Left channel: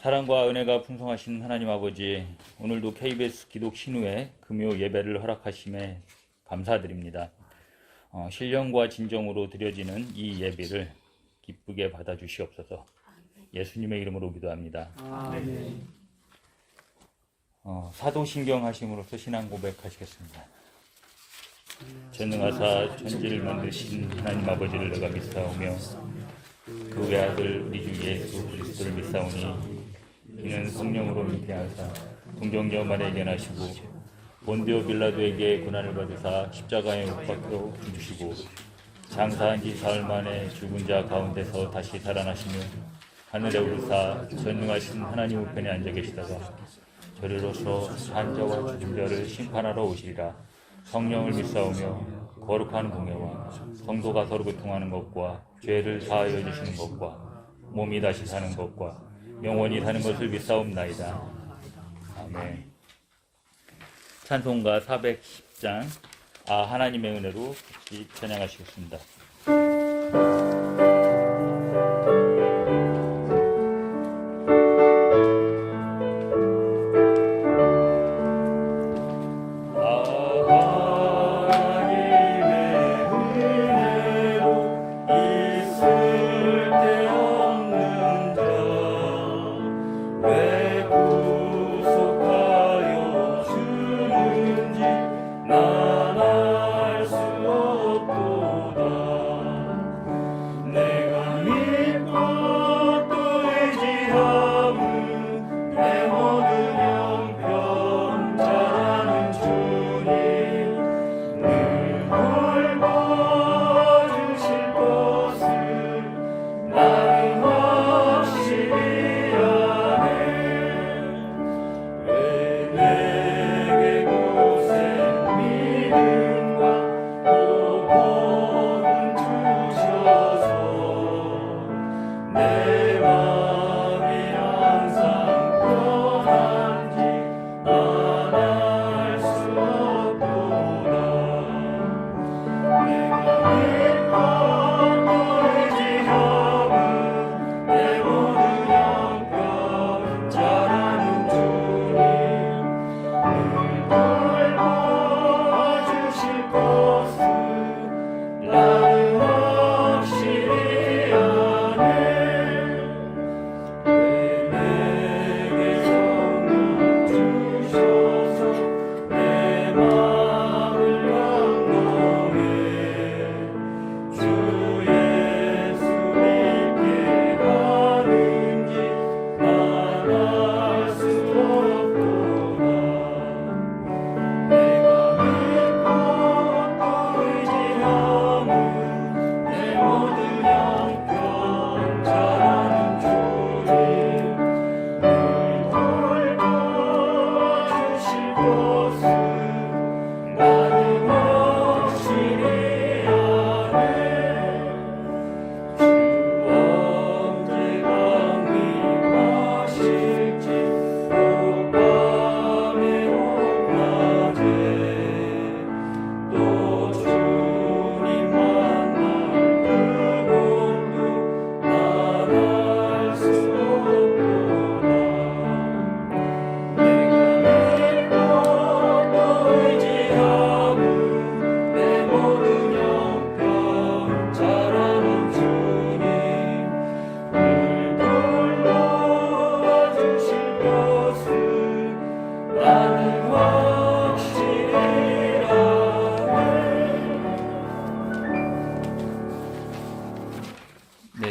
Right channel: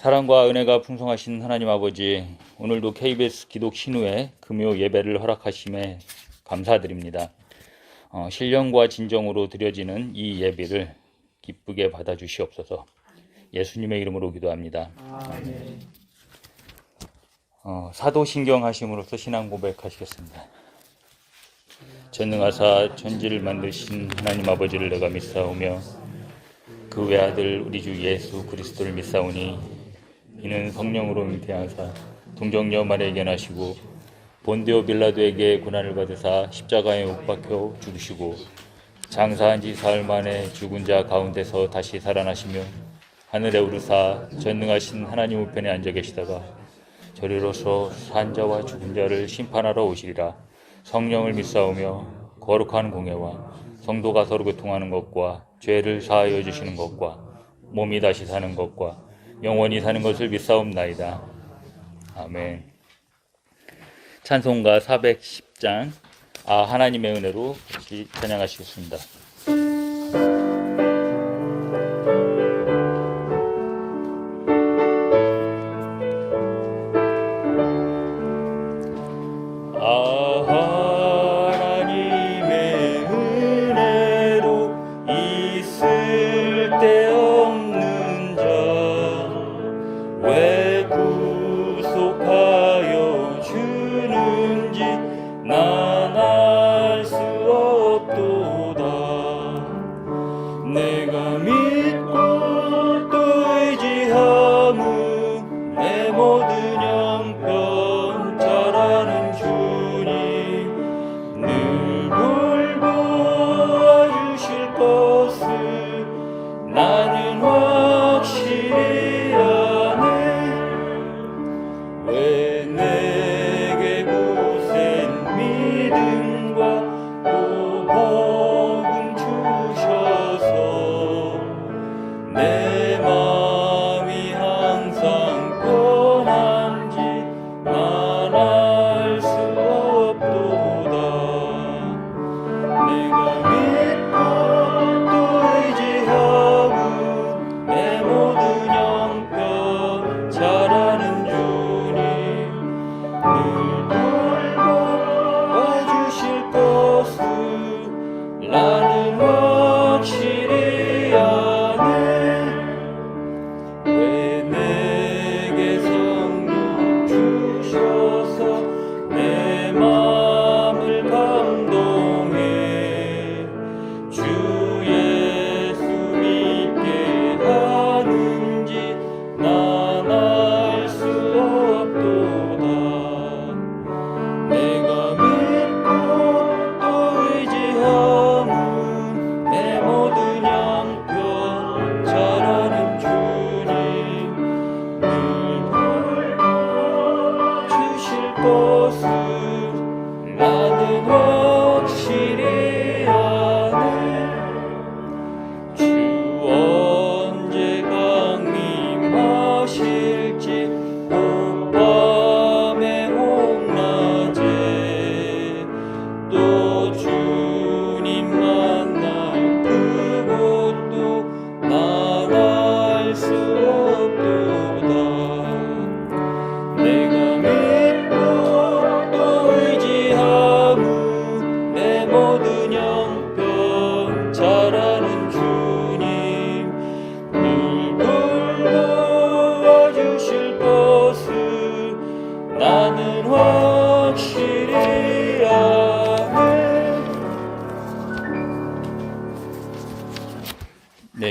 사랑과 은혜가 풍성하신 하나님 아버지, 오늘도 KBS 기독 신우회 금요 예배를 허락하심에 감사드립니다. 신령과 진정으로 드려지는 이 예배를 기쁘게 받아주시옵소서. 예수님의 이름으로 기도합니다. 아멘. 사도신경 하심으로써 신앙 고백하시겠습니다. 전능하사 천지를 만드신 하나님 아버지를 내가 믿사오며 그 외아들 우리 주 예수 그리스도를 믿사오니 이는 성령으로 잉태하사 동정녀 마리아에게 나시고 본디오 빌라도에게 고난을 받으사 십자가에 못 박혀 죽으시고 장사한 지 사흘 만에 죽은 자 가운데서 다시 살아나시며 하늘에 오르사 전능하신 하나님 우편에 앉아 계시다가 저리로서 산 자와 죽은 자를 심판하러 오시리라. 성령을 믿사오며 거룩한 공예와 성도가 서로 교통하는 것과 죄를 사하여 주시는 것과 몸이 다시 사는 것과 영원히 사는 것을 믿사옵나이다. 아멘. 찬송가 410장 하나님의 은혜로 같이 찬양하시겠습니다.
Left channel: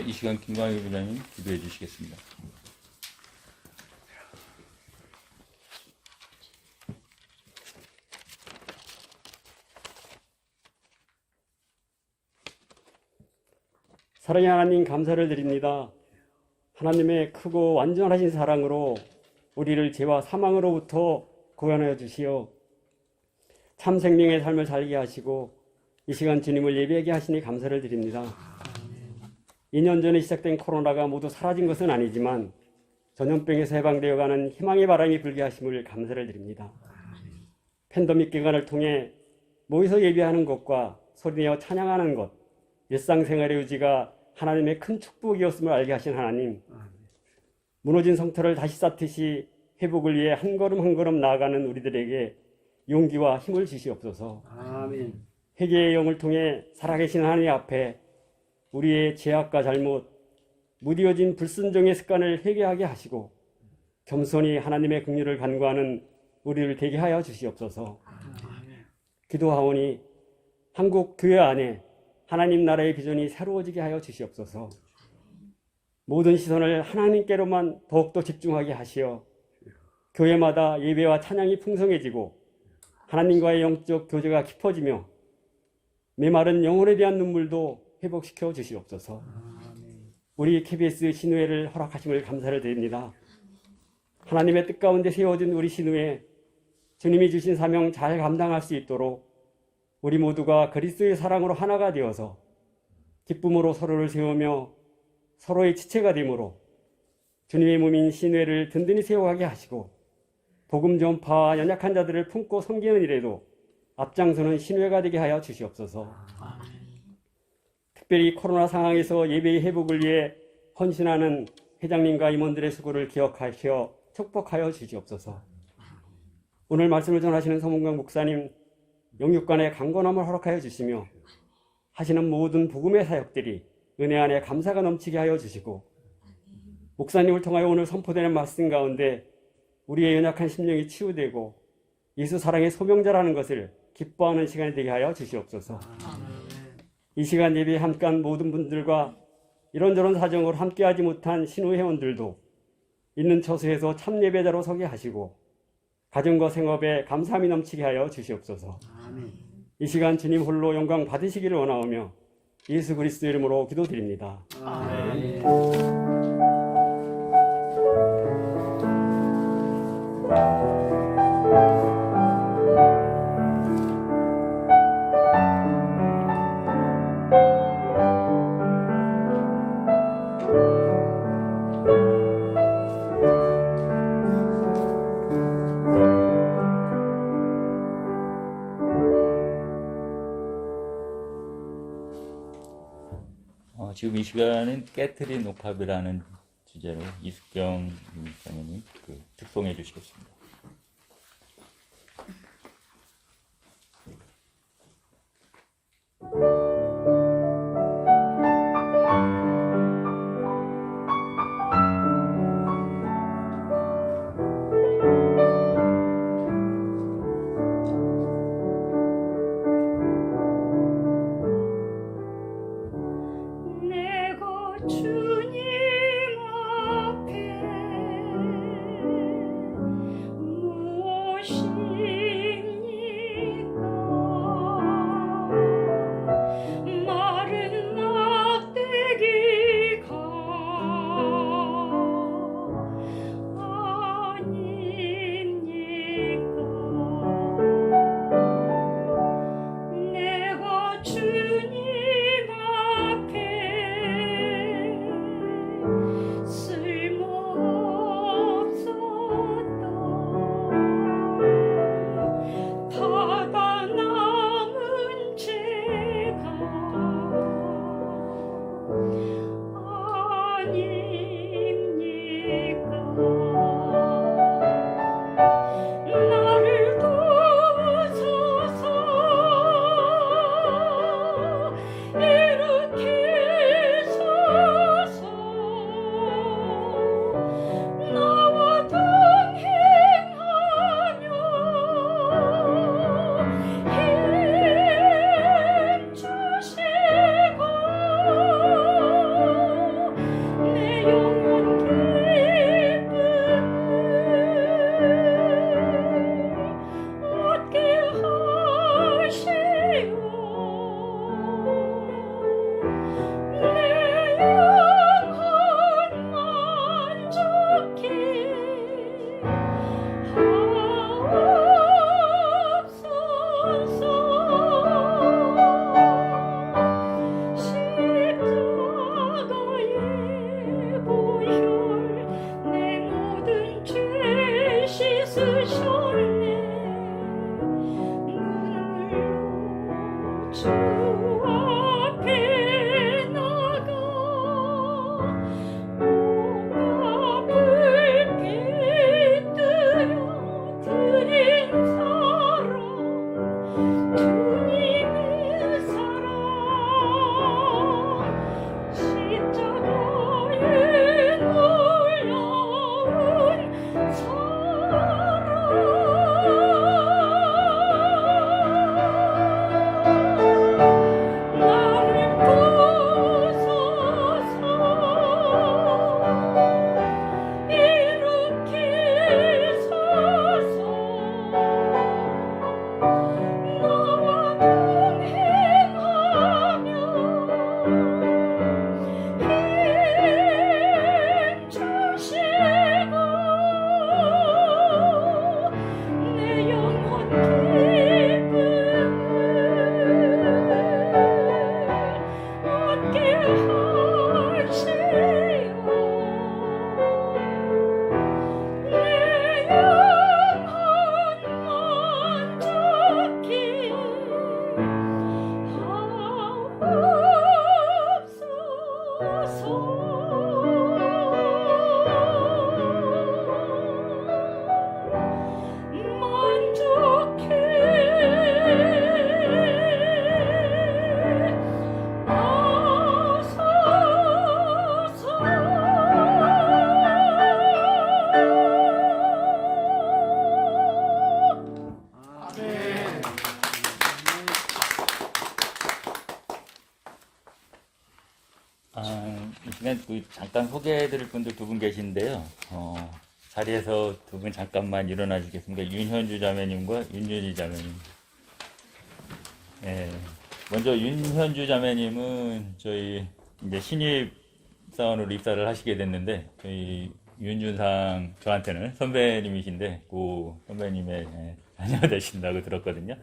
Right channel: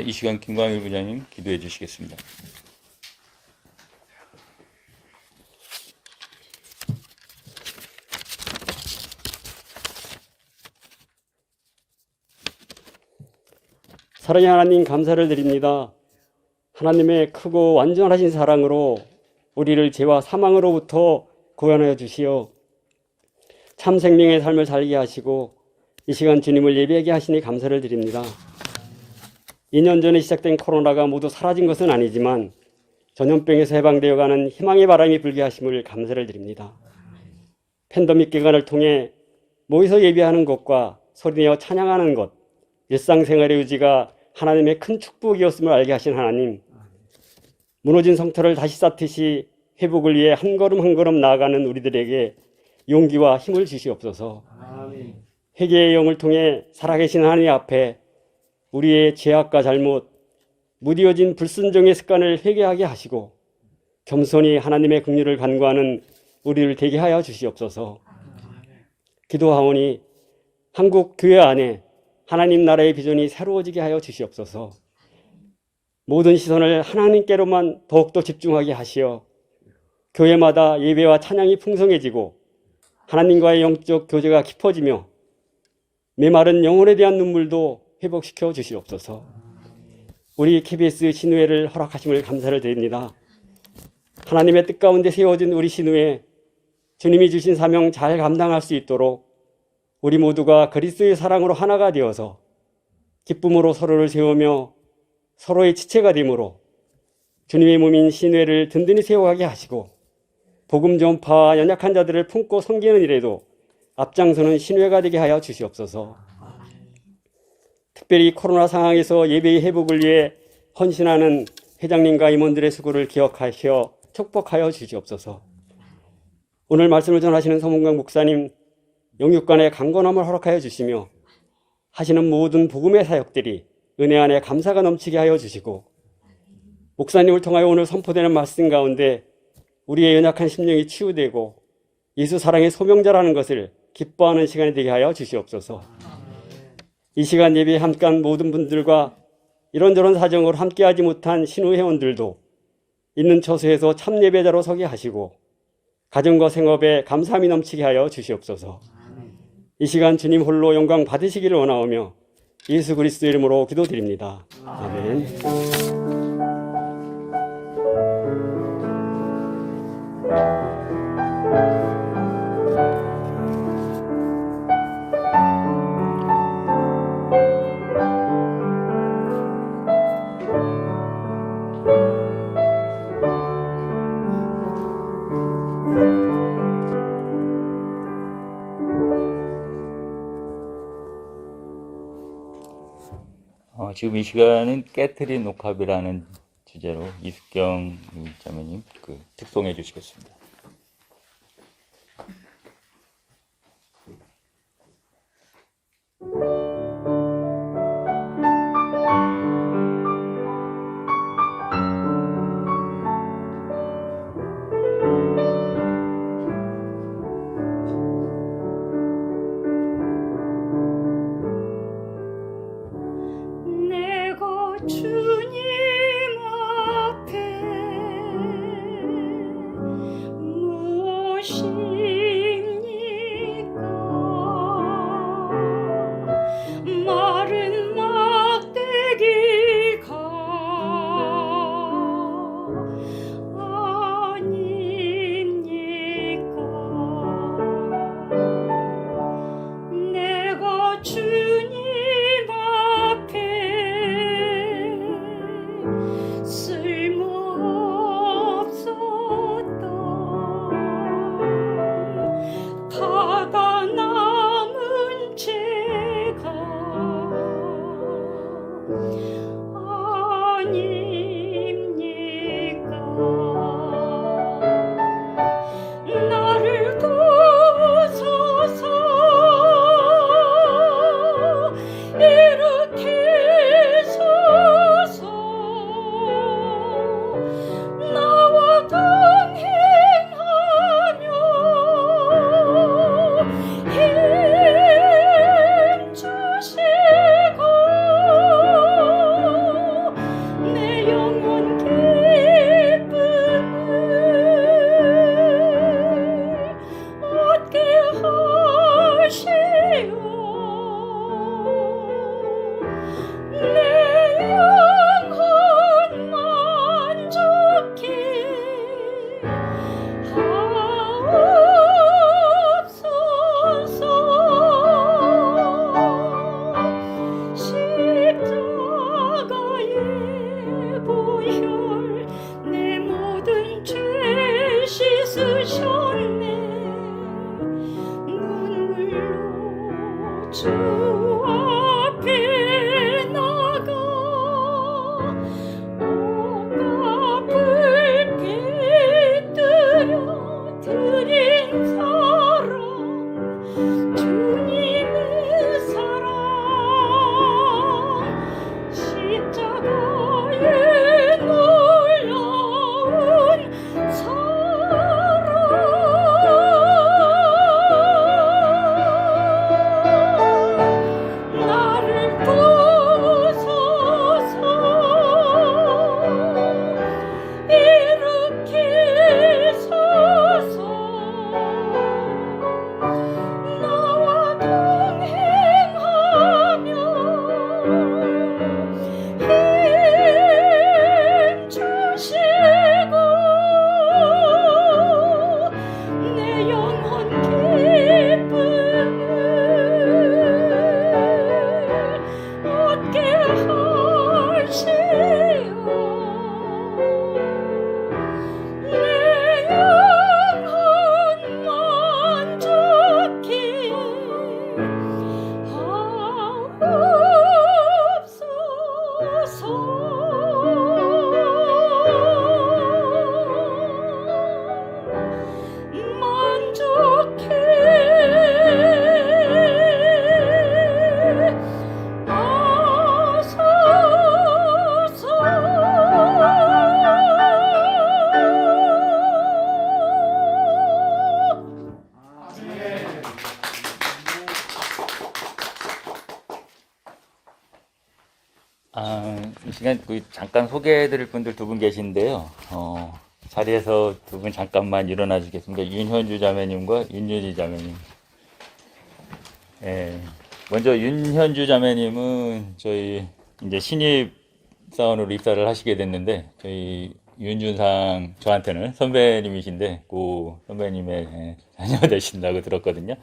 이 시간 김광일 부장님 기도해 주시겠습니다. 사랑의 하나님 감사를 드립니다. 하나님의 크고 완전하신 사랑으로 우리를 죄와 사망으로부터 구원하여 주시어 참 생명의 삶을 살게 하시고 이 시간 주님을 예배하게 하시니 감사를 드립니다. 2년 전에 시작된 코로나가 모두 사라진 것은 아니지만 전염병에서 해방되어가는 희망의 바람이 불게 하심을 감사를 드립니다. 팬데믹 기간을 통해 모여서 예배하는 것과 소리내어 찬양하는 것, 일상생활의 유지가 하나님의 큰 축복이었음을 알게 하신 하나님, 무너진 성터를 다시 쌓듯이 회복을 위해 한 걸음 한 걸음 나아가는 우리들에게 용기와 힘을 주시옵소서. 회개의 영을 통해 살아계신 하나님 앞에 우리의 죄악과 잘못, 무디어진 불순종의 습관을 회개하게 하시고 겸손히 하나님의 긍휼을 간구하는 우리를 되게 하여 주시옵소서. 기도하오니 한국 교회 안에 하나님 나라의 비전이 새로워지게 하여 주시옵소서. 모든 시선을 하나님께로만 더욱더 집중하게 하시어 교회마다 예배와 찬양이 풍성해지고 하나님과의 영적 교제가 깊어지며 메마른 영혼에 대한 눈물도 회복시켜 주시옵소서. 우리 KBS 신우회를 허락하심을 감사를 드립니다. 하나님의 뜻 가운데 세워진 우리 신우회, 주님이 주신 사명 잘 감당할 수 있도록 우리 모두가 그리스도의 사랑으로 하나가 되어서 기쁨으로 서로를 세우며 서로의 지체가 되므로 주님의 몸인 신우회를 든든히 세워가게 하시고 복음 전파와 연약한 자들을 품고 섬기는 일에도 앞장서는 신우회가 되게 하여 주시옵소서. 특별히 코로나 상황에서 예배의 회복을 위해 헌신하는 회장님과 임원들의 수고를 기억하시어 축복하여 주시옵소서. 오늘 말씀을 전하시는 서문강 목사님 영육간의 강건함을 허락하여 주시며 하시는 모든 복음의 사역들이 은혜 안에 감사가 넘치게 하여 주시고 목사님을 통하여 오늘 선포되는 말씀 가운데 우리의 연약한 심령이 치유되고 예수 사랑의 소명자라는 것을 기뻐하는 시간이 되게 하여 주시옵소서. 이 시간 예배에 함께한 모든 분들과 이런저런 사정으로 함께하지 못한 신우 회원들도 있는 처소에서 참 예배자로 서게 하시고 가정과 생업에 감사함이 넘치게 하여 주시옵소서. 이 시간 주님 홀로 영광 받으시기를 원하오며 예수 그리스도 이름으로 기도드립니다. 아멘. 지금 이 시간은 깨트린 옥합이라는 주제로 이숙경 자매님 특송해 주시겠습니다. 주님 앞에 그냥 잠깐 소개해드릴 분들 두 분 계신데요. 자리에서 두 분 잠깐만 일어나 주겠습니다. 윤현주 자매님과 윤유리 자매님. 예. 먼저 윤현주 자매님은 저희 이제 신입 사원으로 입사를 하시게 됐는데, 저희 윤준상 저한테는 선배님이신데, 그 선배님의 자녀 되신다고 들었거든요.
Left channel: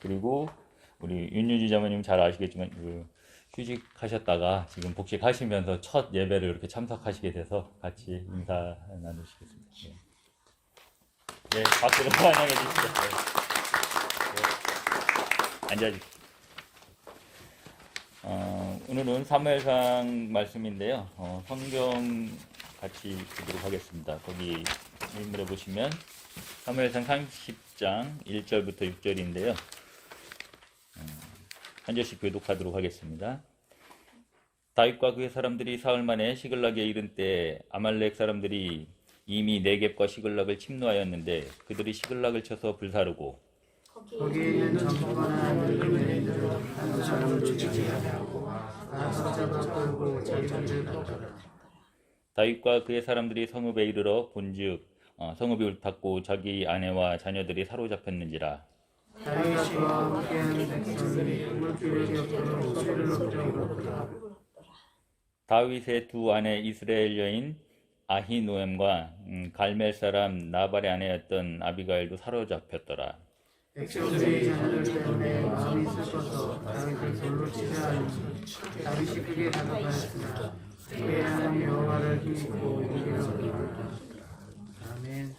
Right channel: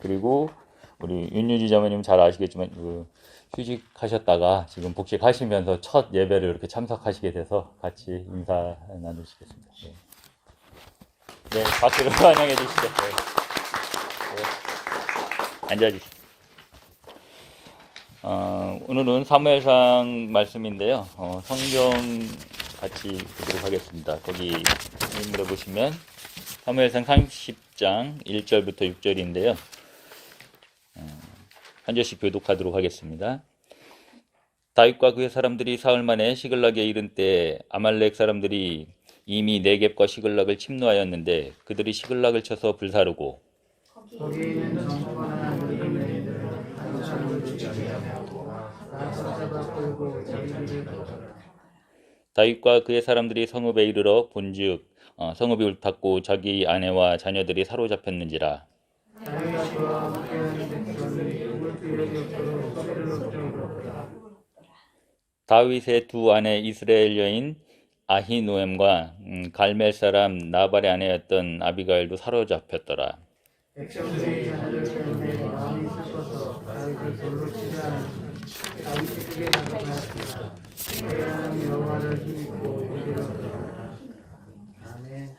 그리고 우리 윤유리 자매님 잘 아시겠지만 휴직하셨다가 지금 복직하시면서 첫 예배를 이렇게 참석하시게 돼서 같이 인사 나누시겠습니다. 네, 네, 박수로 환영해 주시죠. 네. 네. 앉아주시죠. 오늘은 사무엘상 말씀인데요. 성경 같이 보도록 하겠습니다. 거기 인물에 보시면 사무엘상 30장 1절부터 6절인데요. 한 절씩 교독하도록 하겠습니다. 다윗과 그의 사람들이 사흘 만에 시글락에 이른 때 아말렉 사람들이 이미 네겝과 시글락을 침노하였는데 그들이 시글락을 쳐서 불사르고 거기에 있는 정부나 늙은 여인들을 한 사람을 죽이게 하고 나서 잡아 끌고 자기들을 가져라. 다윗과 그의 사람들이 성읍에 이르러 본즉 성읍이 울탔고 자기 아내와 자녀들이 사로잡혔는지라. 다윗이 그와 함께하는 백성이 물기력이 없도록 소리를 높이고 다윗의 두 아내 이스라엘 여인 아히노엠과 갈멜 사람 나발의 아내였던 아비가일도 사로잡혔더라. 백성들이 자녀들 때문에 마음이 슬퍼서 다윗을 돌로 치려 하니 다윗이 크게 감사하였으나 그의 하나님 여호와를 힘입고 우리로 아멘.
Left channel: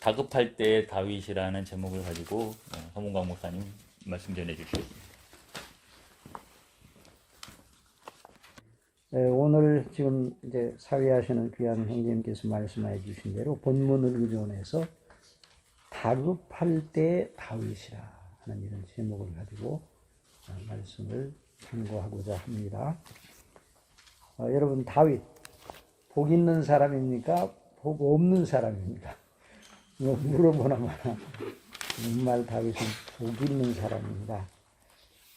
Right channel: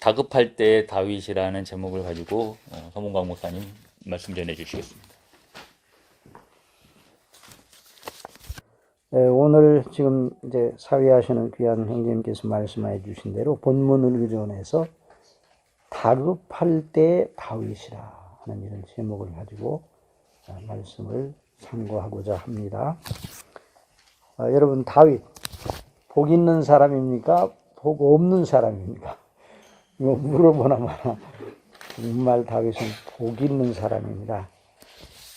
다급할 때 다윗이라는 제목을 가지고 서문광 목사님 말씀 전해 주시겠습니다. 오늘 지금 이제 사회하시는 귀한 형제님께서 말씀해 주신 대로 본문을 의존해서 다급할 때 다윗이라 하는 이런 제목을 가지고 말씀을 참고하고자 합니다. 여러분, 다윗 복 있는 사람입니까? 복 없는 사람입니까? 이거 물어보나 마나 정말 다윗은 복 있는 사람입니다.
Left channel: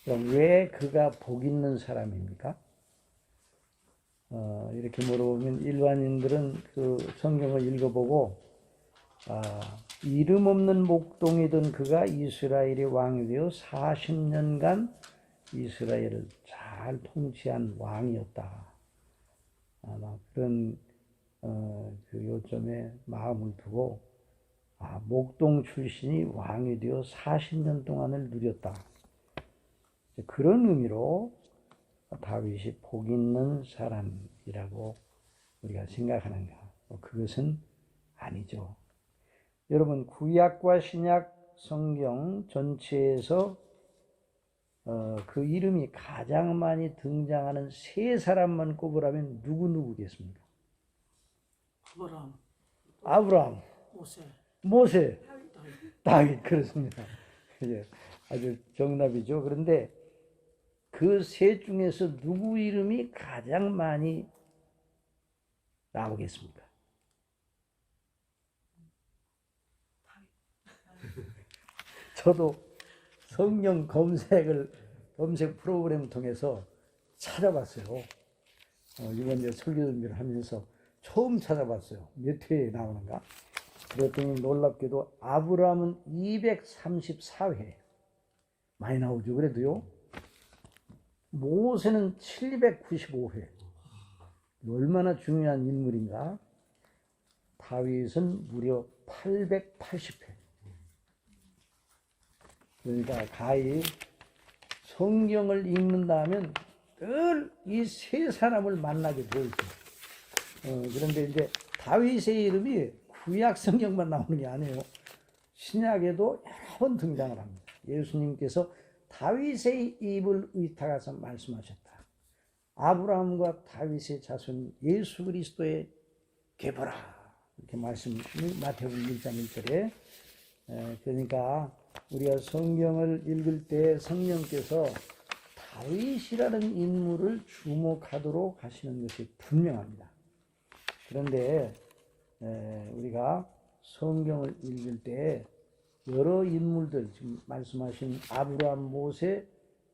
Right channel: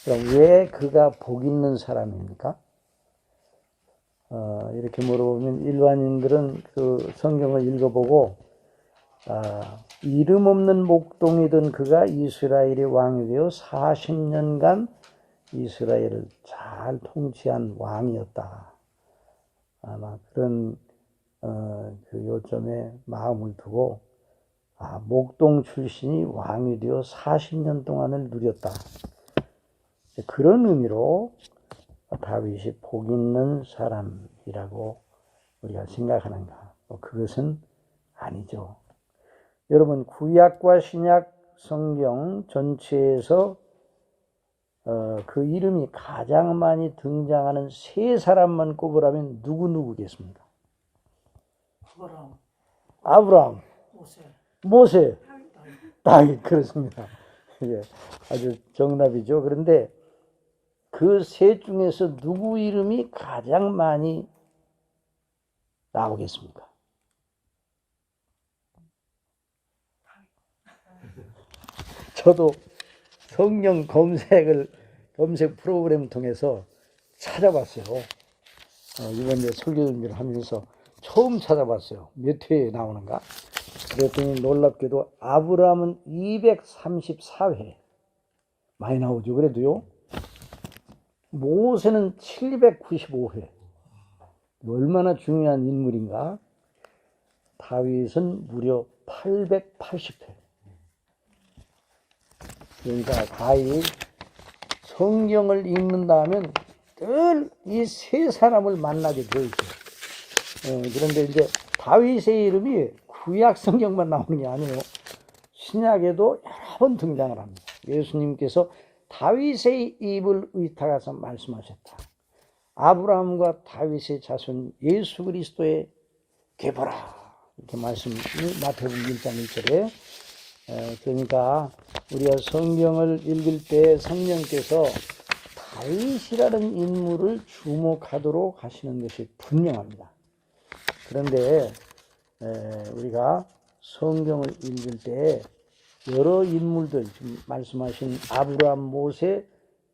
그럼 왜 그가 복 있는 사람입니까? 이렇게 물어보면 일반인들은 그 성경을 읽어보고 이름 없는 목동이던 그가 이스라엘의 왕이 되어 40년간 이스라엘을 잘 통치한 왕이었다. 아마 그런 그 요점에 마음을 두고 목동 출신이 왕이 되어 40년 동안을 누렸다. 그런 의미로 다윗이 복 있는 사람이라고 우리가 생각하는가? 그것은 아니죠. 여러분, 구약과 신약 성경 전체에서 그 이름이 가장 많이 등장하는 세 사람만 꼽으라면 누구겠습니까? 아브라함, 모세, 다윗. 그렇습니다. 예, 아주 정답이죠. 그런데 그 셋 중에서 누구 이름이 가장 많이 나오겠습니까? 저도 성경 검색 프로그램 통해서 찾아봤어요. 이번에 설교 준비를 하면서 처음 찾아봤어요. 몇 회에 나오는가? 그랬더니 놀랍게도 아브라함은 234회 많이 나오죠. 그래도요. 모세는 795회. 얼마나 중요한 인물인가? 다윗은 무려 880회. 그러니까 다윗 성경을 읽는다 하면 늘 이 세 사람을 만나게 되어 있어요. 그런데 이제 다윗의 이름이 구약 성경만 나오는 게 아니에요. 신약에도 여러 번 등장을 합니다. 예수님께서 다윗의 입을 의탁해서 말씀하셨다. 아브라함과 다윗의 자손 예수 그리스도의 계보라. 이렇게 말씀이 마태복음 1장 1절에. 그러니까 우리가 성경을 읽을 때 성령께서 다윗이라는 인물을 주목하도록 하시는 것이 분명합니다. 그런데 우리가 성경을 읽을 때 여러 인물들, 지금 말씀하신 아브라함, 모세,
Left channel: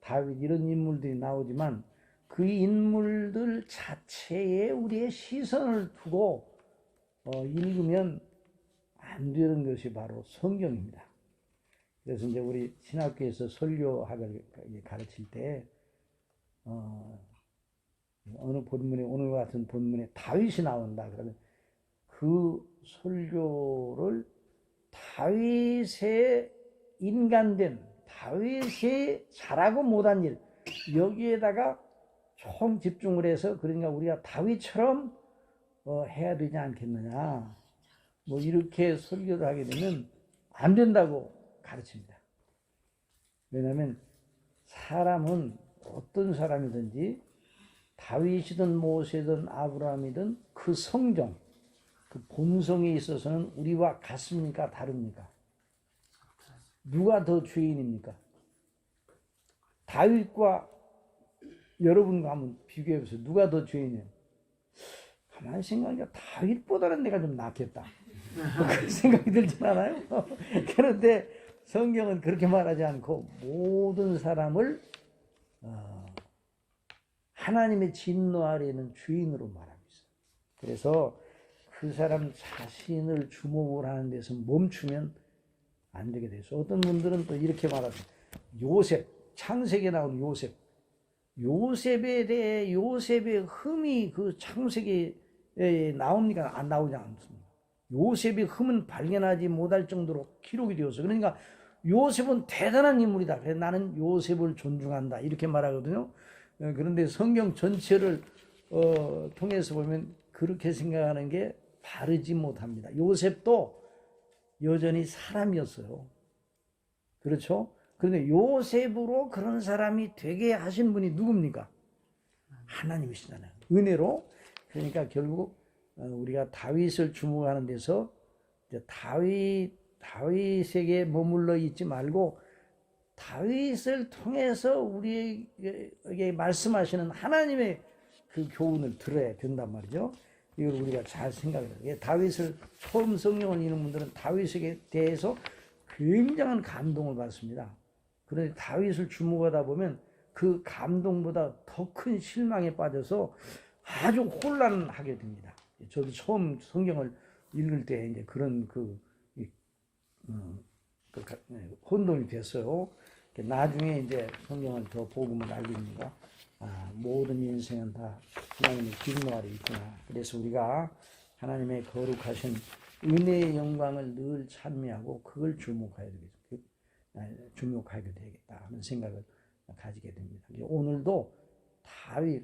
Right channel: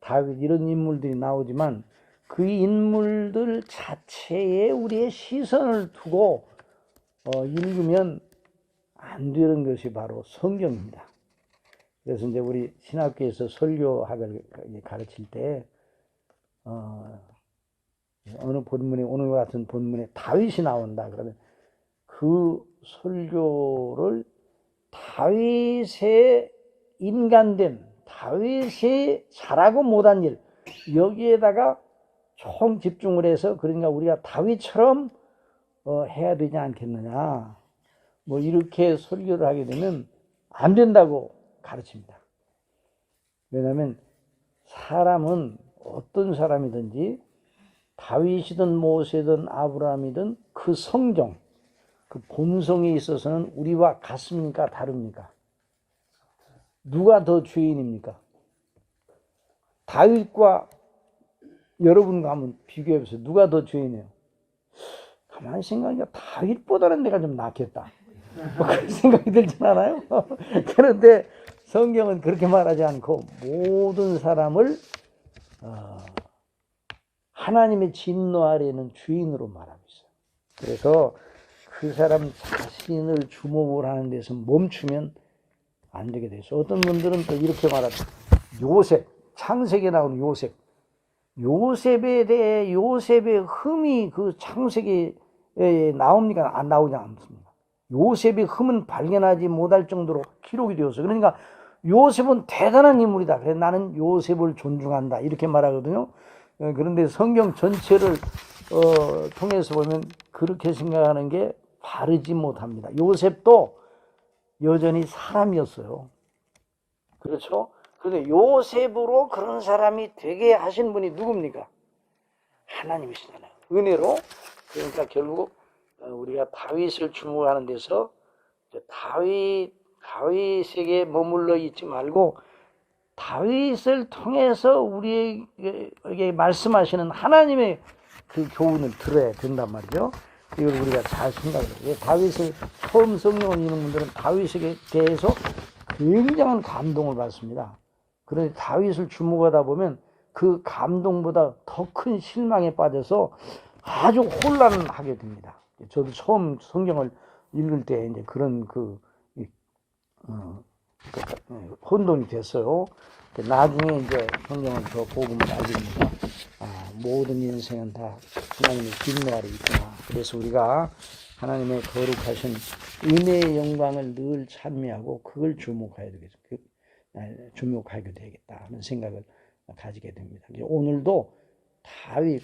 다윗 이런 인물들이 나오지만 그 인물들 자체에 우리의 시선을 두고 읽으면 안 되는 것이 바로 성경입니다. 그래서 이제 우리 신학교에서 설교학을 가르칠 때 어느 본문에, 오늘 같은 본문에 다윗이 나온다 그러면 그 설교를 다윗의 인간됨, 다윗이 잘하고 못한 일, 여기에다가 총 집중을 해서, 그러니까 우리가 다윗처럼 해야 되지 않겠느냐, 뭐 이렇게 설교를 하게 되면 안 된다고 가르칩니다. 왜냐하면 사람은 어떤 사람이든지 다윗이든 모세든 아브라함이든 그 성정, 그 본성에 있어서는 우리와 같습니까? 다릅니까? 누가 더 죄인입니까? 다윗과 여러분과 한번 비교해보세요. 누가 더 죄인이에요? 가만히 생각하니까 다윗보다는 내가 좀 낫겠다, 뭐 그런 생각이 들진 않아요? 그런데 성경은 그렇게 말하지 않고 모든 사람을 하나님의 진노 아래에는 죄인으로 말하고 있어요. 그래서 그 사람 자신을 주목을 하는 데서 멈추면 안 되게 돼서, 어떤 분들은 또 이렇게 말합니다. 요셉, 창세기에 나오는 요셉에 대해, 요셉의 흠이 그 창세기에 나옵니까? 안 나오지 않습니다. 요셉의 흠은 발견하지 못할 정도로 기록이 되었어요. 그러니까 요셉은 대단한 인물이다, 그래서 나는 요셉을 존중한다, 이렇게 말하거든요. 그런데 성경 전체를 통해서 보면 그렇게 생각하는 게 바르지 못합니다. 요셉도 여전히 사람이었어요. 그렇죠? 그런데 요셉으로 그런 사람이 되게 하신 분이 누굽니까? 하나님이시잖아요. 은혜로. 그러니까 결국 우리가 다윗을 주목하는 데서 이제 다윗에게 머물러 있지 말고 다윗을 통해서 우리에게 말씀하시는 하나님의 그 교훈을 들어야 된단 말이죠. 이걸 우리가 잘 생각을 해요. 다윗을 처음 성경을 읽는 분들은 다윗에게 대해서 굉장한 감동을 받습니다. 그런데 다윗을 주목하다 보면 그 감동보다 더 큰 실망에 빠져서 아주 혼란하게 됩니다. 저도 처음 성경을 읽을 때 이제 그런 혼돈이 됐어요. 나중에 이제 성경을 더 복음을 알게 됩니다. 모든 인생은 다 하나님의 진노 아래 있구나. 그래서 우리가 하나님의 거룩하신 은혜의 영광을 늘 찬미하고 그걸 주목하게 되겠다 하는 생각을 가지게 됩니다. 오늘도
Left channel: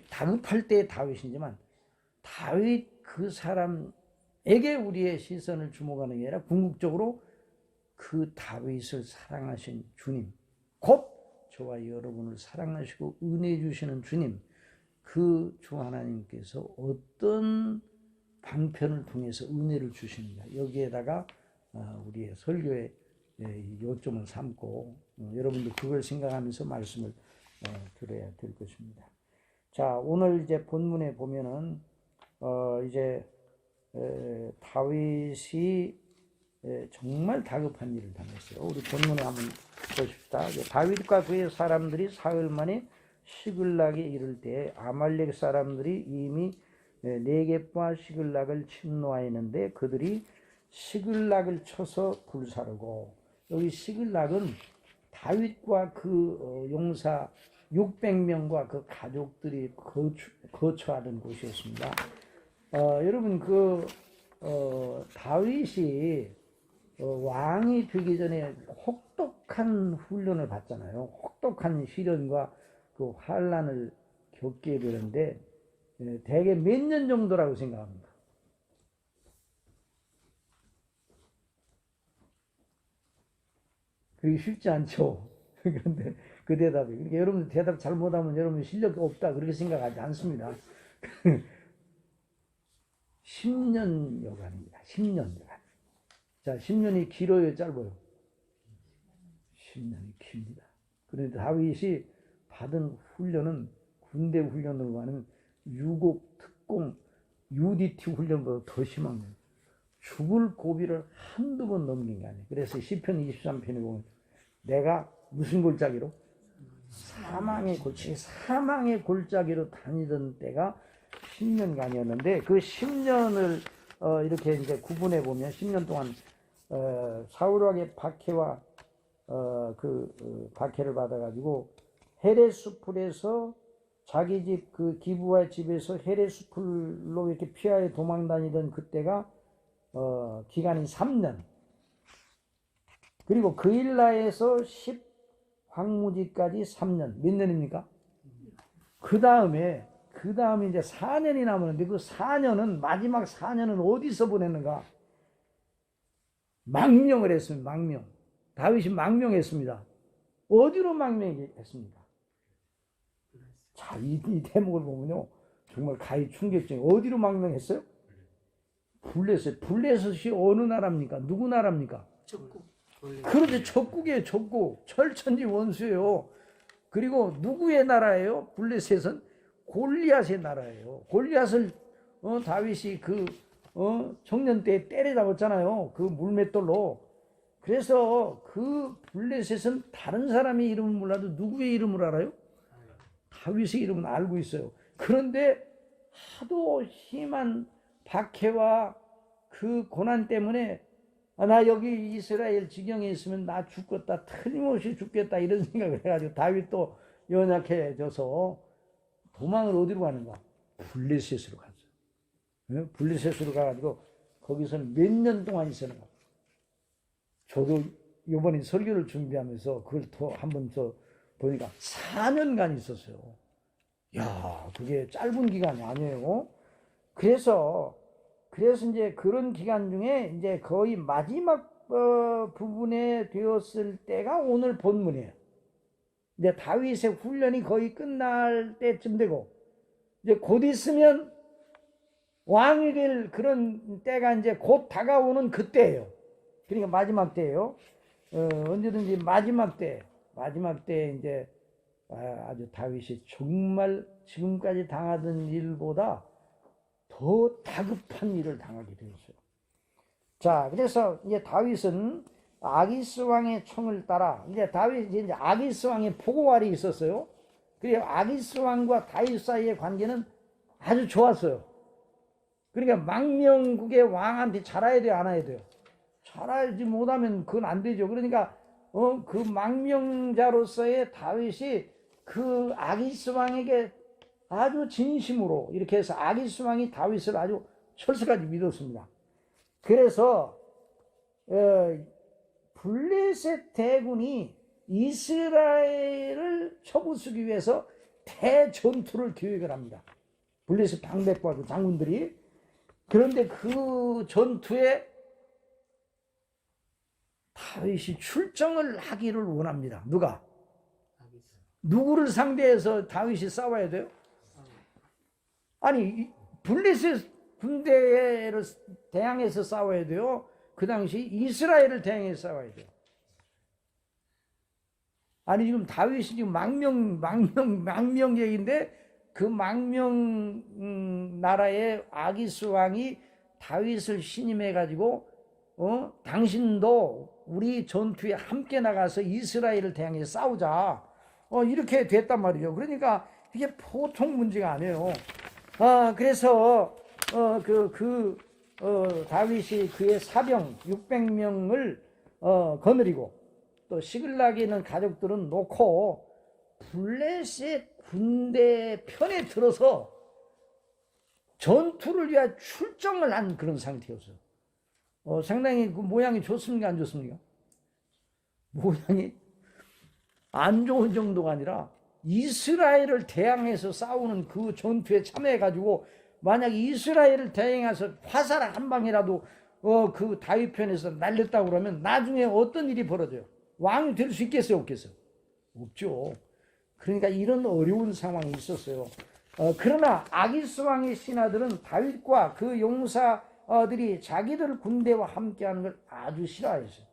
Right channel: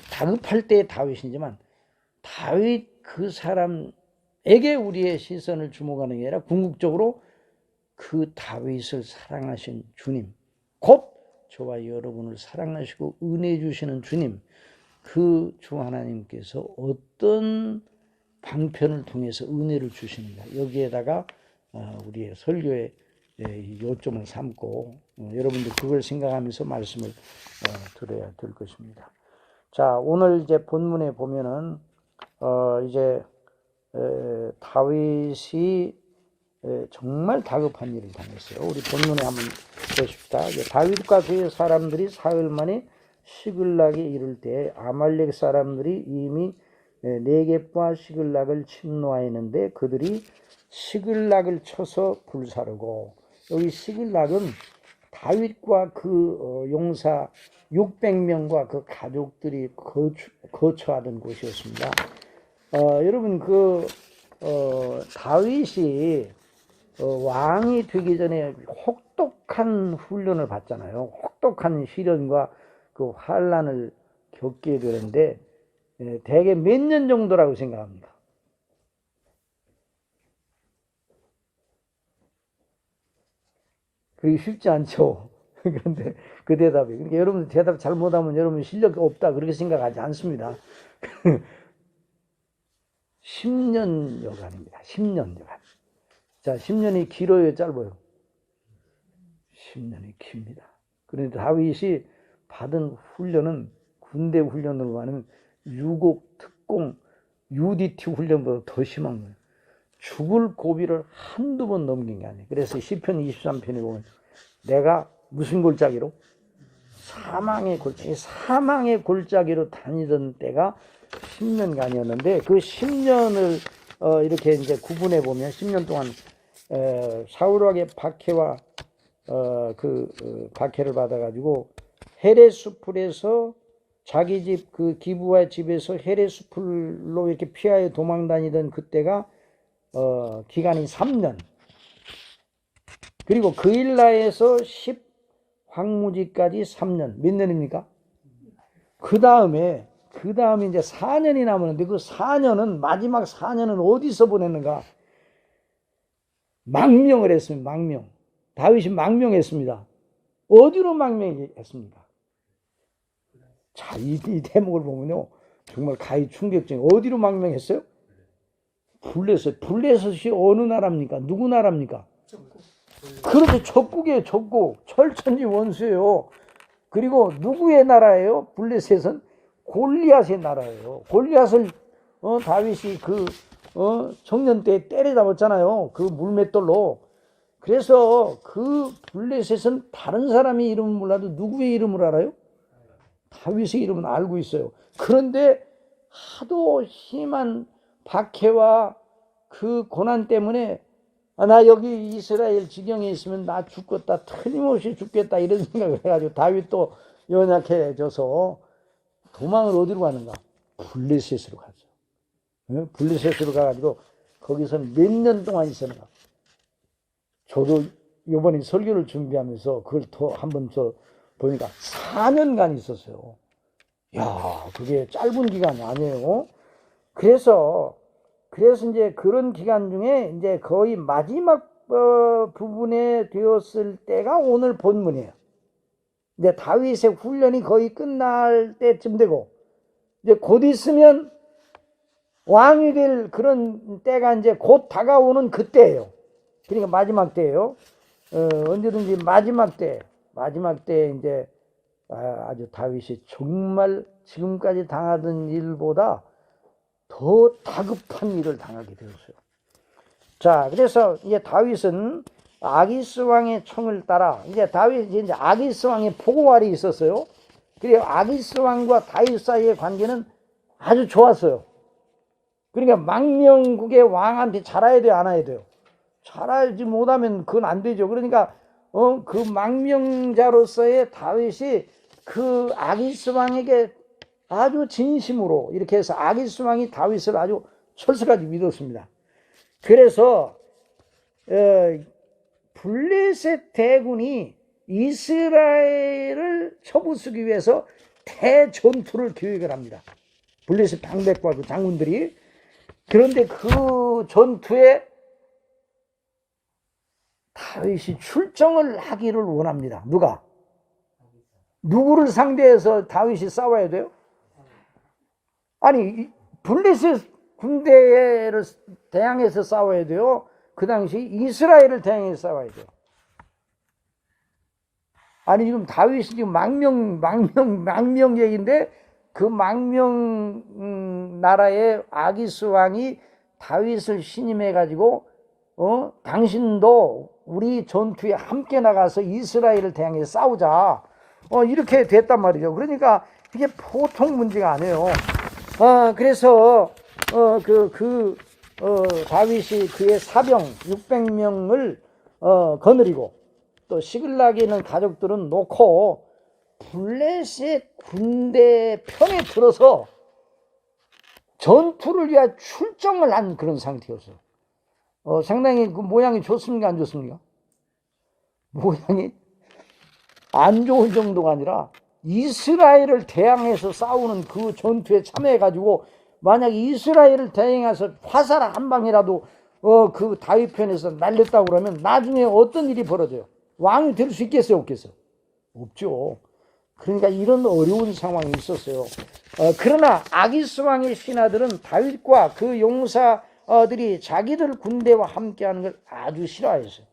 다급할 때의 다윗이지만 다윗 그 사람에게 우리의 시선을 주목하는 게 아니라 궁극적으로 그 다윗을 사랑하신 주님, 곧 저와 여러분을 사랑하시고 은혜 주시는 주님, 그 주 하나님께서 어떤 방편을 통해서 은혜를 주시는가, 여기에다가 우리의 설교의 요점을 삼고 여러분들 그걸 생각하면서 말씀을 들어야 될 것입니다. 자, 오늘 이제 본문에 보면은 이제 다윗이 정말 다급한 일을 당했어요. 우리 본문에 한번 보십시다. 다윗과 그의 사람들이 사흘 만에 시글락에 이를 때 아말렉 사람들이 이미 네겝과 시글락을 침노하였는데 그들이 시글락을 쳐서 불사르고, 여기 시글락은 다윗과 그 용사 600명과 그 가족들이 거처하던 곳이었습니다. 여러분 다윗이 왕이 되기 전에 혹독한 훈련을 받잖아요. 혹독한 시련과 그 환난을 겪게 되는데 대개 몇 년 정도라고 생각합니다. 그게 쉽지 않죠. 그런데 그 대답이, 그러니까 여러분 대답 잘못하면 여러분 실력이 없다 그렇게 생각하지 않습니다. 10년여간입니다. 10년여간. 자, 10년이 길어요, 짧아요? 10년이 깁니다. 그런데 다윗이 받은 훈련은 군대 훈련으로 하는 유곡 특공 UDT 훈련보다 더 심한 거예요. 죽을 고비를 한두 번 넘긴 게 아니에요. 그래서 시편 23편에 보면 내가 무슨 골짜기로? 사망의 골짜기로 다니던 때가 10년간이었는데 그 10년을 이렇게 이제 구분해 보면 10년 동안 사울왕의 박해와 박해를 받아가지고 헤레스풀에서 자기 집 그 기브와 집에서 헤레스풀로 이렇게 피하여 도망 다니던 그때가 기간이 3년. 그리고 그일라에서 10황무지까지 3년. 몇 년입니까? 그 다음에 이제 4년이 남았는데 그 4년은 마지막 4년은 어디서 보냈는가? 망명을 했습니다. 망명. 다윗이 망명했습니다. 어디로 망명했습니까? 자, 이 대목을 보면요. 정말 가히 충격적이에요. 어디로 망명했어요? 블레셋. 블레셋이 어느 나라입니까? 누구 나라입니까? 그런데 적국이에요. 적국. 철천지 원수예요. 그리고 누구의 나라예요? 블레셋은 골리앗의 나라예요. 골리앗을 다윗이 청년 때 때려잡았잖아요. 그 물맷돌로. 그래서 그 블레셋은 다른 사람의 이름은 몰라도 누구의 이름을 알아요? 다윗의 이름은 알고 있어요. 그런데 하도 심한 박해와 그 고난 때문에 나 여기 이스라엘 지경에 있으면 나 죽겠다, 틀림없이 죽겠다 이런 생각을 해가지고 다윗도 연약해져서 도망을 어디로 가는가? 블레셋으로 가죠. 블레셋으로 가가지고 거기서 몇 년 동안 있었는가? 저도 이번에 설교를 준비하면서 그걸 더 한번 보니까 4년간 있었어요. 야, 그게 짧은 기간이 아니에요. 그래서 이제 그런 기간 중에 이제 거의 마지막 부분에 되었을 때가 오늘 본문이에요. 이제 다윗의 훈련이 거의 끝날 때쯤 되고 이제 곧 있으면 왕이 될 그런 때가 이제 곧 다가오는 그때예요. 그러니까 마지막 때예요. 언제든지 마지막 때 이제 아주 다윗이 정말 지금까지 당하던 일보다 더 다급한 일을 당하게 되었어요. 자, 그래서 이제 다윗은 아기스 왕의 총을 따라 이제 다윗이 이제 아기스 왕의 포고알이 있었어요. 그리고 아기스 왕과 다윗 사이의 관계는 아주 좋았어요. 그러니까 망명국의 왕한테 잘해야 돼요, 안 해야 돼요? 잘하지 못하면 그건 안 되죠. 그러니까 그 망명자로서의 다윗이 그 아기스 왕에게 아주 진심으로 이렇게 해서 아기스 왕이 다윗을 아주 철저하게 믿었습니다. 그래서 블레셋 대군이 이스라엘을 쳐부수기 위해서 대전투를 계획을 합니다. 블레셋 방백과 그 장군들이. 그런데 그 전투에 다윗이 출정을 하기를 원합니다. 누가? 누구를 상대해서 다윗이 싸워야 돼요? 아니, 블레셋 군대를 대항해서 싸워야 돼요? 그 당시 이스라엘을 대항해서 싸워야 돼요? 아니, 지금 다윗이 지금 망명 얘기인데 그 망명 나라의 아기스 왕이 다윗을 신임해가지고 당신도 우리 전투에 함께 나가서 이스라엘을 대항해 싸우자. 이렇게 됐단 말이죠. 그러니까 이게 보통 문제가 아니에요. 그래서 다윗이 그의 사병 600명을 거느리고 또 시글락에 있는 가족들은 놓고 블레셋 군대 편에 들어서 전투를 위해 출정을 한 그런 상태였어요. 상당히 그 모양이 좋습니까? 안 좋습니까? 모양이 안 좋은 정도가 아니라 이스라엘을 대항해서 싸우는 그 전투에 참여해가지고 만약 이스라엘을 대항해서 화살 한 방이라도 그 다윗 편에서 날렸다고 그러면 나중에 어떤 일이 벌어져요? 왕이 될 수 있겠어요? 없겠어요? 없죠. 그러니까 이런 어려운 상황이 있었어요. 그러나 아기스 왕의 신하들은 다윗과 그 용사들이 자기들 군대와 함께하는 걸 아주 싫어했어요.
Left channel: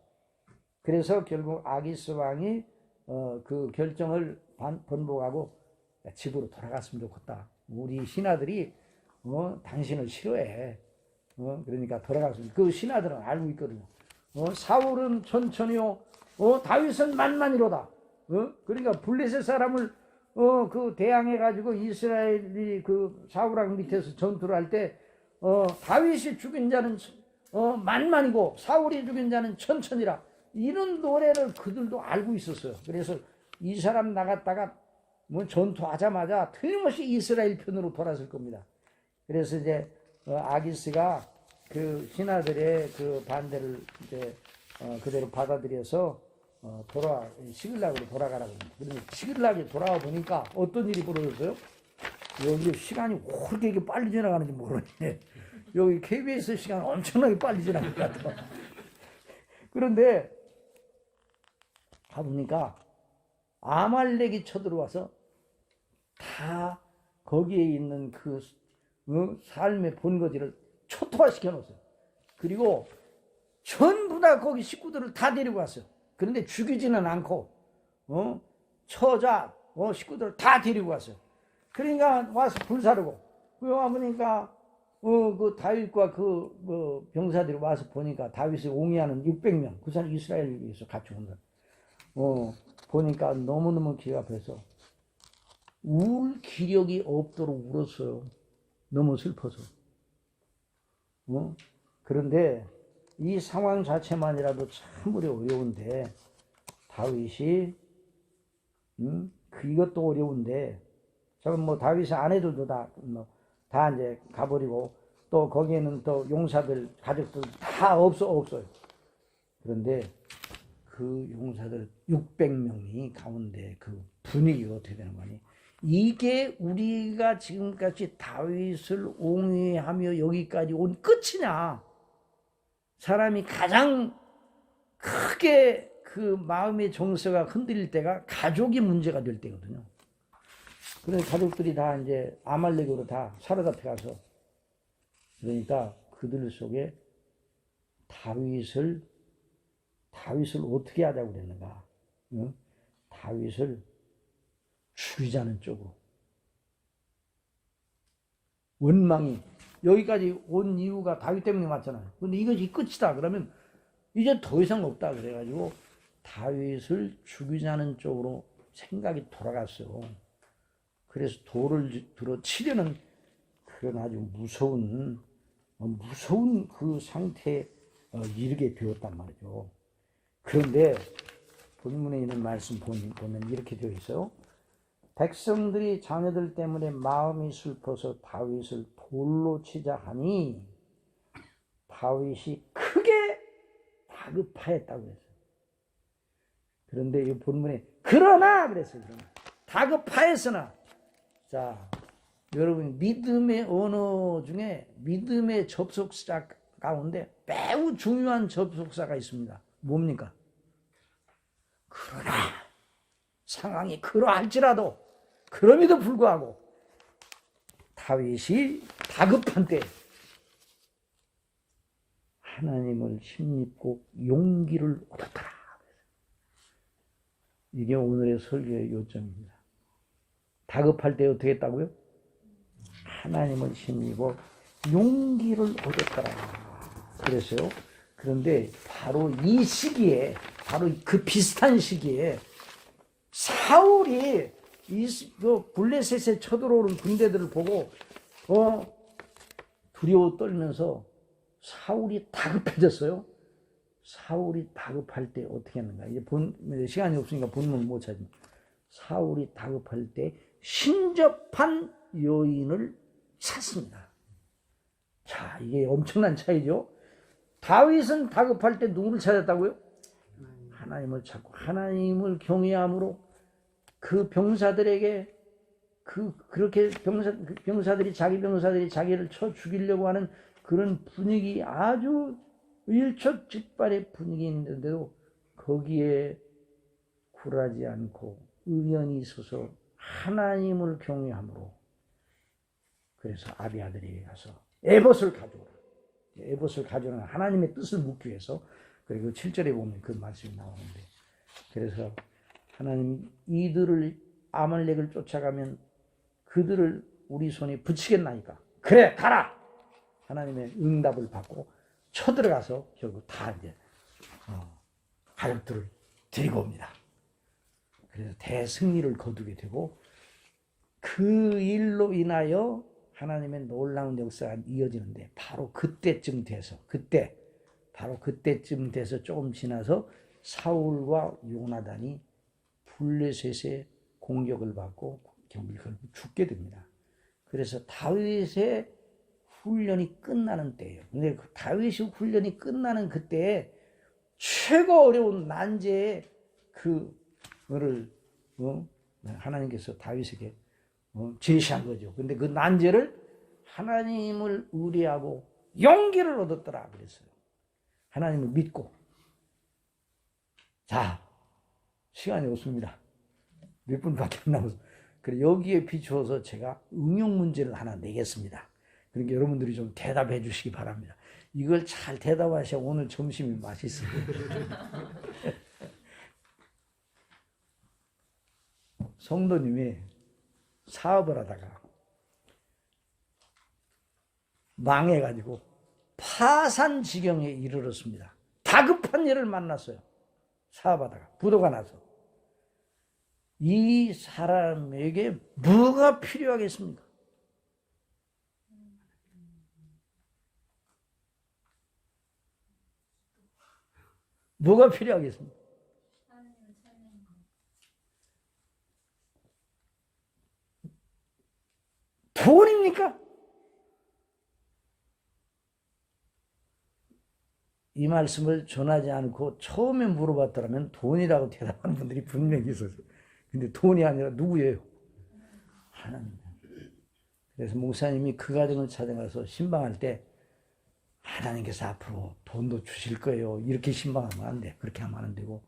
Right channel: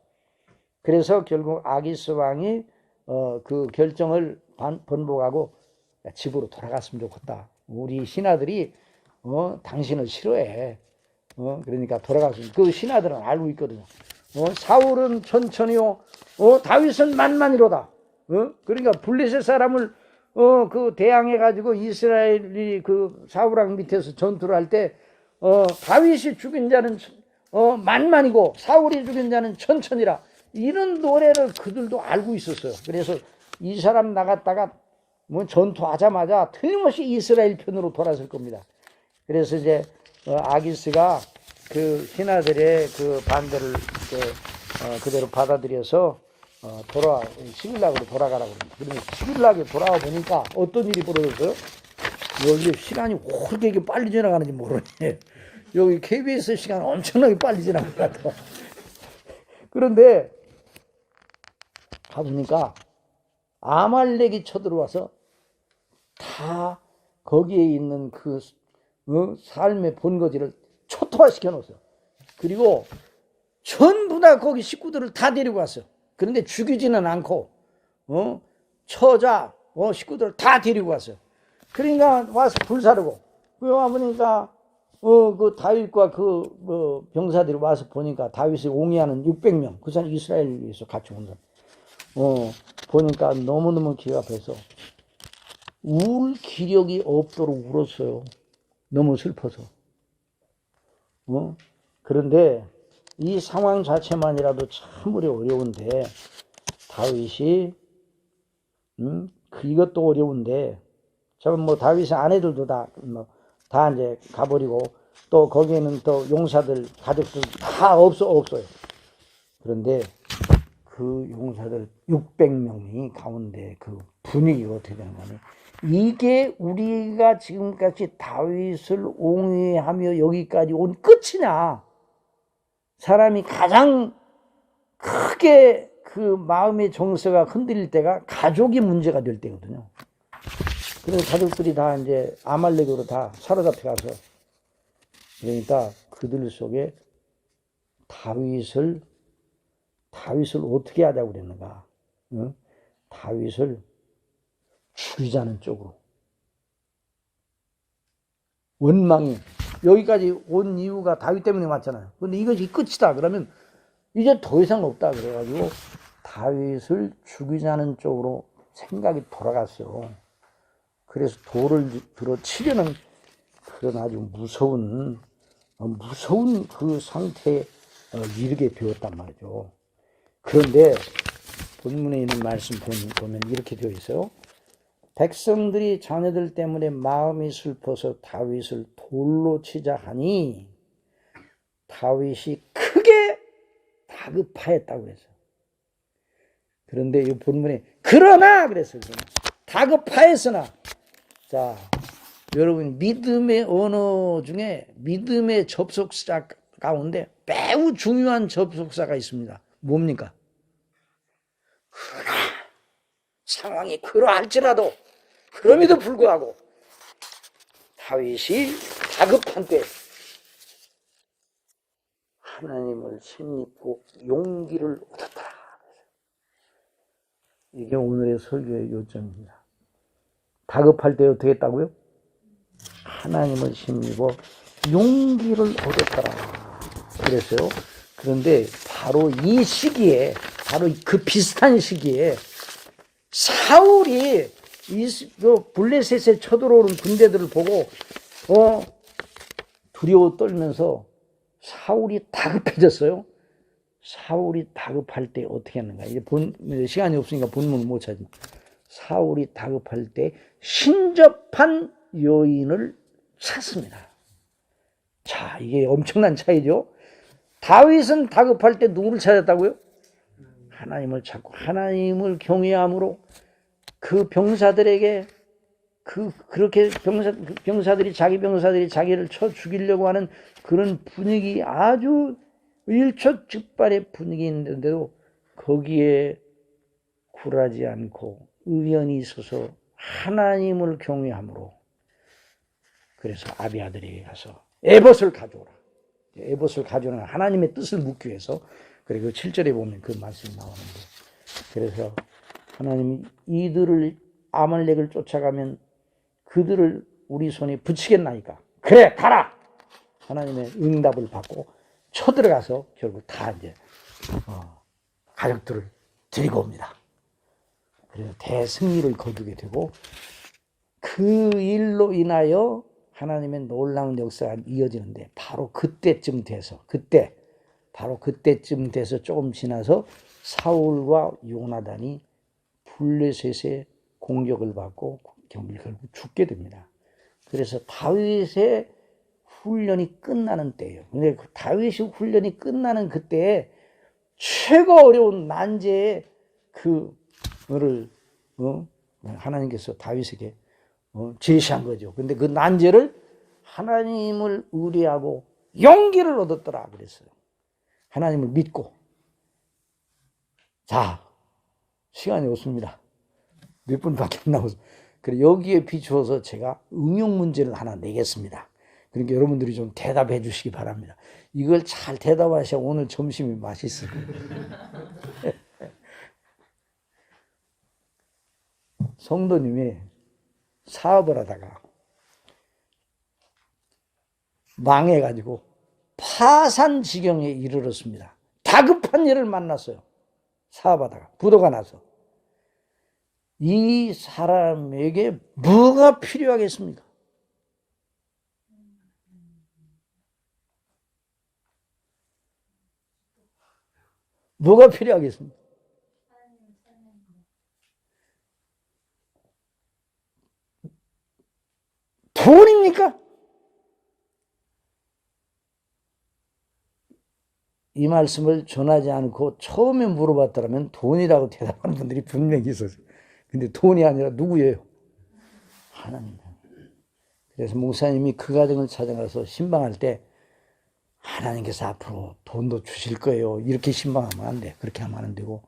그래서 결국 아기스 왕이 그 결정을 번복하고 집으로 돌아갔으면 좋겠다. 우리 신하들이 당신을 싫어해. 그러니까 돌아갔으면. 그 신하들은 알고 있거든요. 사울은 천천히요. 다윗은 만만이로다. 그러니까 블레셋 사람을 그 대항해 가지고 이스라엘이 그 사울왕 밑에서 전투를 할 때 다윗이 죽인 자는 만만이고 사울이 죽인 자는 천천이라, 이런 노래를 그들도 알고 있었어요. 그래서 이 사람 나갔다가 뭐 전투하자마자 틀림없이 이스라엘 편으로 돌아설 겁니다. 그래서 이제 아기스가 그 신하들의 그 반대를 그대로 받아들여서 시글락으로 돌아가라고 합니다. 그러면 시글락에 돌아와 보니까 어떤 일이 벌어졌어요? 여기 시간이 그렇게 이렇게 빨리 지나가는지 모르네. 여기 KBS 시간 엄청나게 빨리 지나간 것 같아. 그런데 가보니까 아말렉이 쳐들어와서 다 거기에 있는 그 삶의 본거지를 초토화시켜 놓았어요. 그리고 전부 다 거기 식구들을 다 데리고 왔어요. 그런데 죽이지는 않고 처자 식구들을 다 데리고 왔어요. 그러니까 와서 불사르고, 그 와보니까 그 다윗과 그 병사들이 와서 보니까 다윗을 옹이하는 600명, 그 사람 이스라엘에서 같이 온 사람, 보니까 너무너무 기가 아파서 울 기력이 없도록 울었어요. 너무 슬퍼서. 그런데 이 상황 자체만이라도 참으로 어려운데, 다윗이 이것도 어려운데, 저건 뭐 다윗의 아내들도 다 이제 가버리고, 또 거기에는 또 용사들 가족들 다 없어요. 그런데 그 용사들 600명이 가운데 그 분위기가 어떻게 되냐면, 이게 우리가 지금까지 다윗을 옹호하며 여기까지 온 끝이냐? 사람이 가장 크게 그 마음의 정서가 흔들릴 때가 가족이 문제가 될 때거든요. 그래서 가족들이 다 이제 아말렉으로 다 사로잡혀가서, 그러니까 그들 속에 다윗을 어떻게 하자고 그랬는가? 다윗을 죽이자는 쪽으로. 원망이 여기까지 온 이유가 다윗 때문에 왔잖아요. 근데 이것이 끝이다 그러면 이제 더 이상 없다 그래가지고 다윗을 죽이자는 쪽으로 생각이 돌아갔어요. 그래서 돌을 들어 치려는 그런 아주 무서운 그 상태에 이르게 되었단 말이죠. 그런데 본문에 있는 말씀 보면 이렇게 되어 있어요. 백성들이 자녀들 때문에 마음이 슬퍼서 다윗을 돌로 치자 하니 다윗이 크게 다급하였다고 그랬어요. 그런데 이 본문에 그러나 그랬어요. 다급하였으나. 자, 여러분, 믿음의 언어 중에 믿음의 접속사 가운데 매우 중요한 접속사가 있습니다. 뭡니까? 그러나 상황이 그러할지라도, 그럼에도 불구하고 다윗이 다급한 때 하나님을 힘입고 용기를 얻었더라. 이게 오늘의 설교의 요점입니다. 다급할 때 어떻게 했다고요? 하나님을 힘입어 용기를 얻었더라 그랬어요. 그런데 바로 이 시기에, 바로 그 비슷한 시기에 사울이 블레셋에 쳐들어오는 군대들을 보고 두려워 떨면서 사울이 다급해졌어요. 사울이 다급할 때 어떻게 하는가? 이제 시간이 없으니까 본문을 못 찾지만, 사울이 다급할 때 신접한 여인을 찾습니다. 자, 이게 엄청난 차이죠. 다윗은 다급할 때 누구를 찾았다고요? 하나님을 찾고 하나님을 경외함으로 그 병사들에게 그렇게 병사들이 자기 병사들이 자기를 쳐 죽이려고 하는 그런 분위기, 아주 일촉즉발의 분위기인데도 거기에 굴하지 않고 의연히 있어서 하나님을 경외함으로, 그래서 아비아들에게 가서 에봇을 가져오라. 에봇을 가져오는 하나님의 뜻을 묻기 위해서. 그리고 7절에 보면 그 말씀이 나오는데, 그래서 하나님이 이들을 아말렉을 쫓아가면 그들을 우리 손에 붙이겠나이까? 그래, 가라! 하나님의 응답을 받고 쳐들어가서 결국 다 이제 가족들을 데리고 옵니다. 그래서 대승리를 거두게 되고 그 일로 인하여 하나님의 놀라운 역사가 이어지는데 바로 그때쯤 돼서 조금 지나서 사울과 요나단이 블레셋의 공격을 받고 결국 죽게 됩니다. 그래서 다윗의 훈련이 끝나는 때예요. 근데 그 다윗의 훈련이 끝나는 그때에 최고 어려운 난제에 그거를 하나님께서 다윗에게 제시한 거죠. 근데 그 난제를 하나님을 의뢰하고 용기를 얻었더라 그랬어요. 하나님을 믿고. 자, 시간이 없습니다. 몇 분밖에 안 남아서. 그래 여기에 비추어서 제가 응용 문제를 하나 내겠습니다. 그러니까 여러분들이 좀 대답해 주시기 바랍니다. 이걸 잘 대답하셔야 오늘 점심이 맛있어요. 성도님이 사업을 하다가 망해가지고 파산 지경에 이르렀습니다. 다급한 일을 만났어요. 사업하다가 부도가 나서. 이 사람에게 뭐가 필요하겠습니까? 뭐가 필요하겠습니까? 돈입니까? 이 말씀을 전하지 않고 처음에 물어봤더라면 돈이라고 대답하는 분들이 분명히 있었어요. 근데 돈이 아니라 누구예요? 하나님. 그래서 목사님이 그 가정을 찾아가서 신방할 때 하나님께서 앞으로 돈도 주실 거예요. 이렇게 신방하면 안 돼. 그렇게 하면 안 되고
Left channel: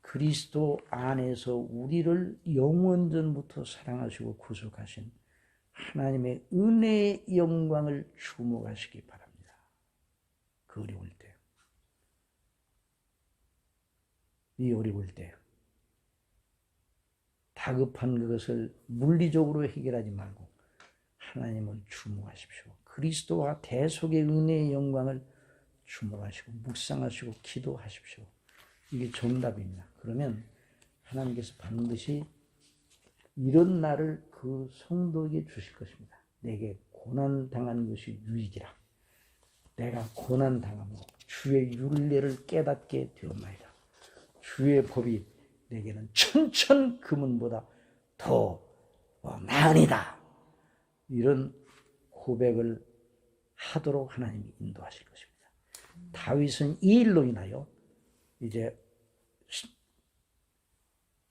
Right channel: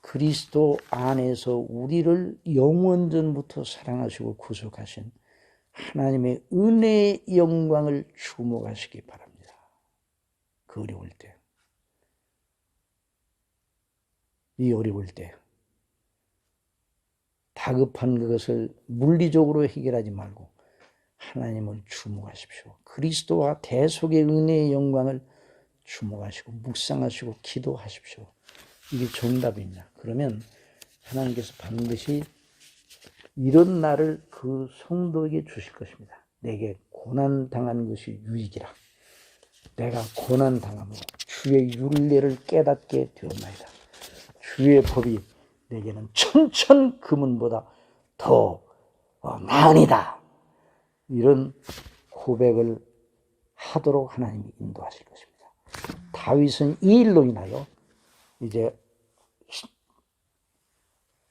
그리스도 안에서 우리를 영원전부터 사랑하시고 구속하신 하나님의 은혜의 영광을 주목하시기 바랍니다. 그 어려울 때. 이 어려울 때. 다급한 그것을 물리적으로 해결하지 말고 하나님을 주목하십시오. 그리스도와 대속의 은혜의 영광을 주목하시고 묵상하시고 기도하십시오. 이게 정답입니다. 그러면 하나님께서 반드시 이런 날을 그 성도에게 주실 것입니다. 내게 고난당한 것이 유익이라. 내가 고난당함으로 주의 율례를 깨닫게 되었나이다. 주의 법이 내게는 천천 금은보다 더 나으니다. 이런 고백을 하도록 하나님이 인도하실 것입니다. 다윗은 이 일로 인하여 이제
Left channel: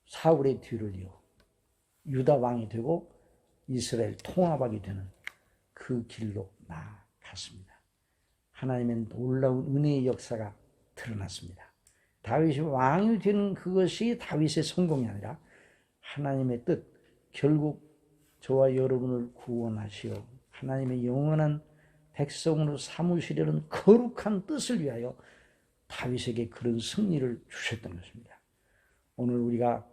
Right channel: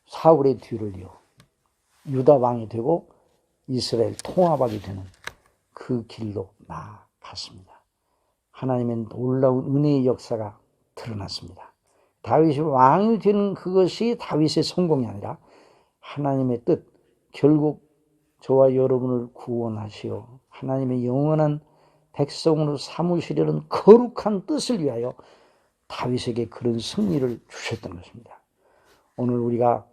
사울의 뒤를 이어 유다 왕이 되고 이스라엘 통합하게 되는 그 길로 나아갔습니다. 하나님의 놀라운 은혜의 역사가 드러났습니다. 다윗이 왕이 되는 그것이 다윗의 성공이 아니라 하나님의 뜻, 결국 저와 여러분을 구원하시어 하나님의 영원한 백성으로 삼으시려는 거룩한 뜻을 위하여 다윗에게 그런 승리를 주셨던 것입니다. 오늘 우리가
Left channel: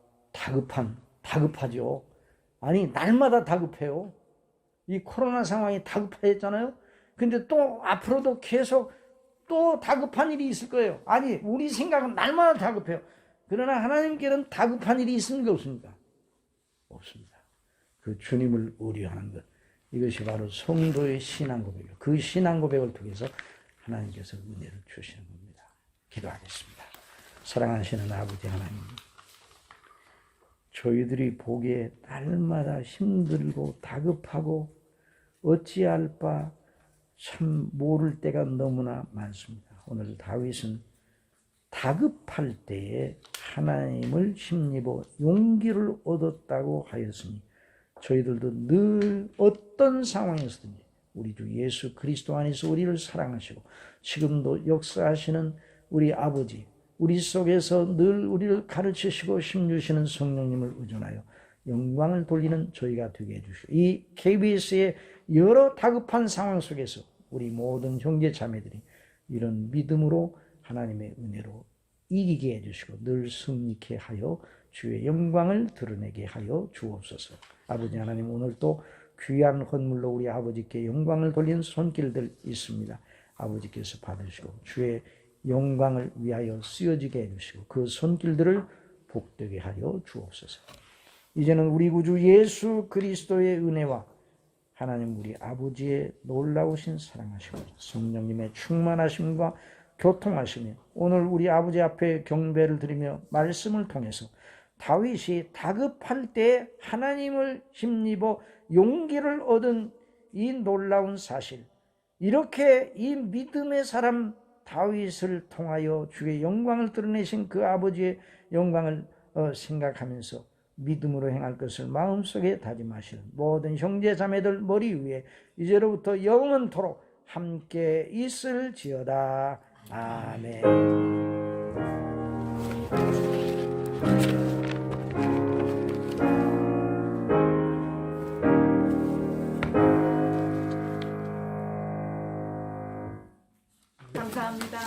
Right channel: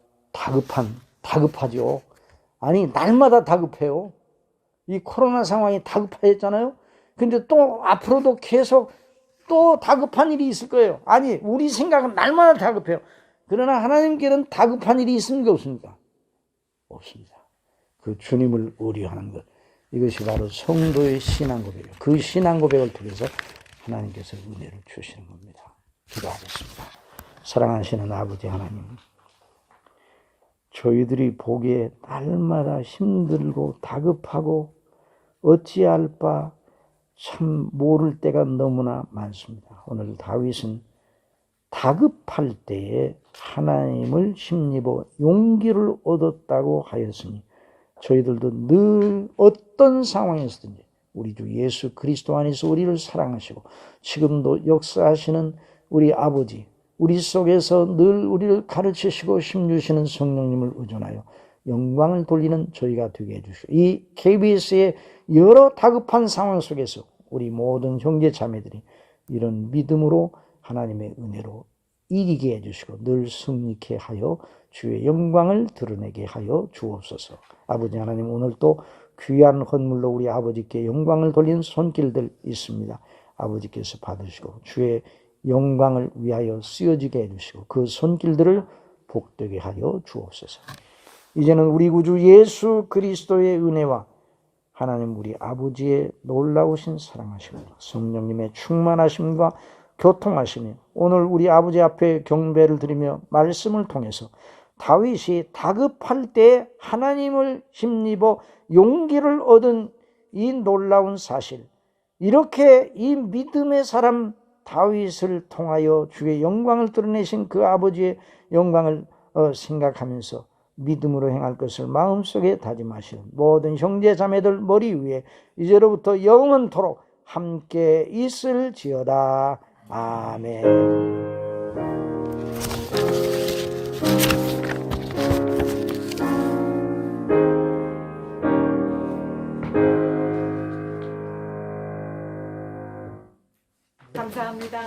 다급하죠. 아니 날마다 다급해요. 이 코로나 상황이 다급해졌잖아요. 근데 또 앞으로도 계속 또 다급한 일이 있을 거예요. 아니 우리 생각은 날마다 다급해요. 그러나 하나님께는 다급한 일이 있습니까? 없습니까? 없습니다. 그 주님을 의뢰하는 것, 이것이 바로 성도의 신앙 고백이에요. 그 신앙 고백을 통해서 하나님께서 은혜를 주시는 겁니다. 기도하겠습니다. 사랑하시는 아버지 하나님, 저희들이 보기에 날마다 힘들고 다급하고 어찌할 바 참 모를 때가 너무나 많습니다. 오늘 다윗은 다급할 때에 하나님을 힘입어 용기를 얻었다고 하였으니 저희들도 늘 어떤 상황에서든지 우리 주 예수 그리스도 안에서 우리를 사랑하시고 지금도 역사하시는 우리 아버지, 우리 속에서 늘 우리를 가르치시고 힘주시는 성령님을 의존하여 영광을 돌리는 저희가 되게 해주시고 이 KBS의 여러 다급한 상황 속에서 우리 모든 형제 자매들이 이런 믿음으로 하나님의 은혜로 이기게 해주시고 늘 승리케 하여 주의 영광을 드러내게 하여 주옵소서. 아버지 하나님, 오늘 또 귀한 헌물로 우리 아버지께 영광을 돌리는 손길들 있습니다. 아버지께서 받으시고 주의 영광을 위하여 쓰여지게 해주시고 그 손길들을 복되게 하여 주옵소서. 이제는 우리 구주 예수 그리스도의 은혜와 하나님 우리 아버지의 놀라우신 사랑하심과 성령님의 충만하심과 교통하심이 오늘 우리 아버지 앞에 경배를 드리며 말씀을 통해서 다윗이 다급할 때 하나님을 힘입어 용기를 얻은 이 놀라운 사실, 이렇게 이 믿음의 사람 다윗을 통하여 주의 영광을 드러내신 그 아버지의 영광을 생각하면서 믿음으로 행할 것을 마음속에 다짐하시는 모든 형제 자매들 머리 위에 이제로부터 영원토록 함께 있을지어다. 아멘. 감사합니다.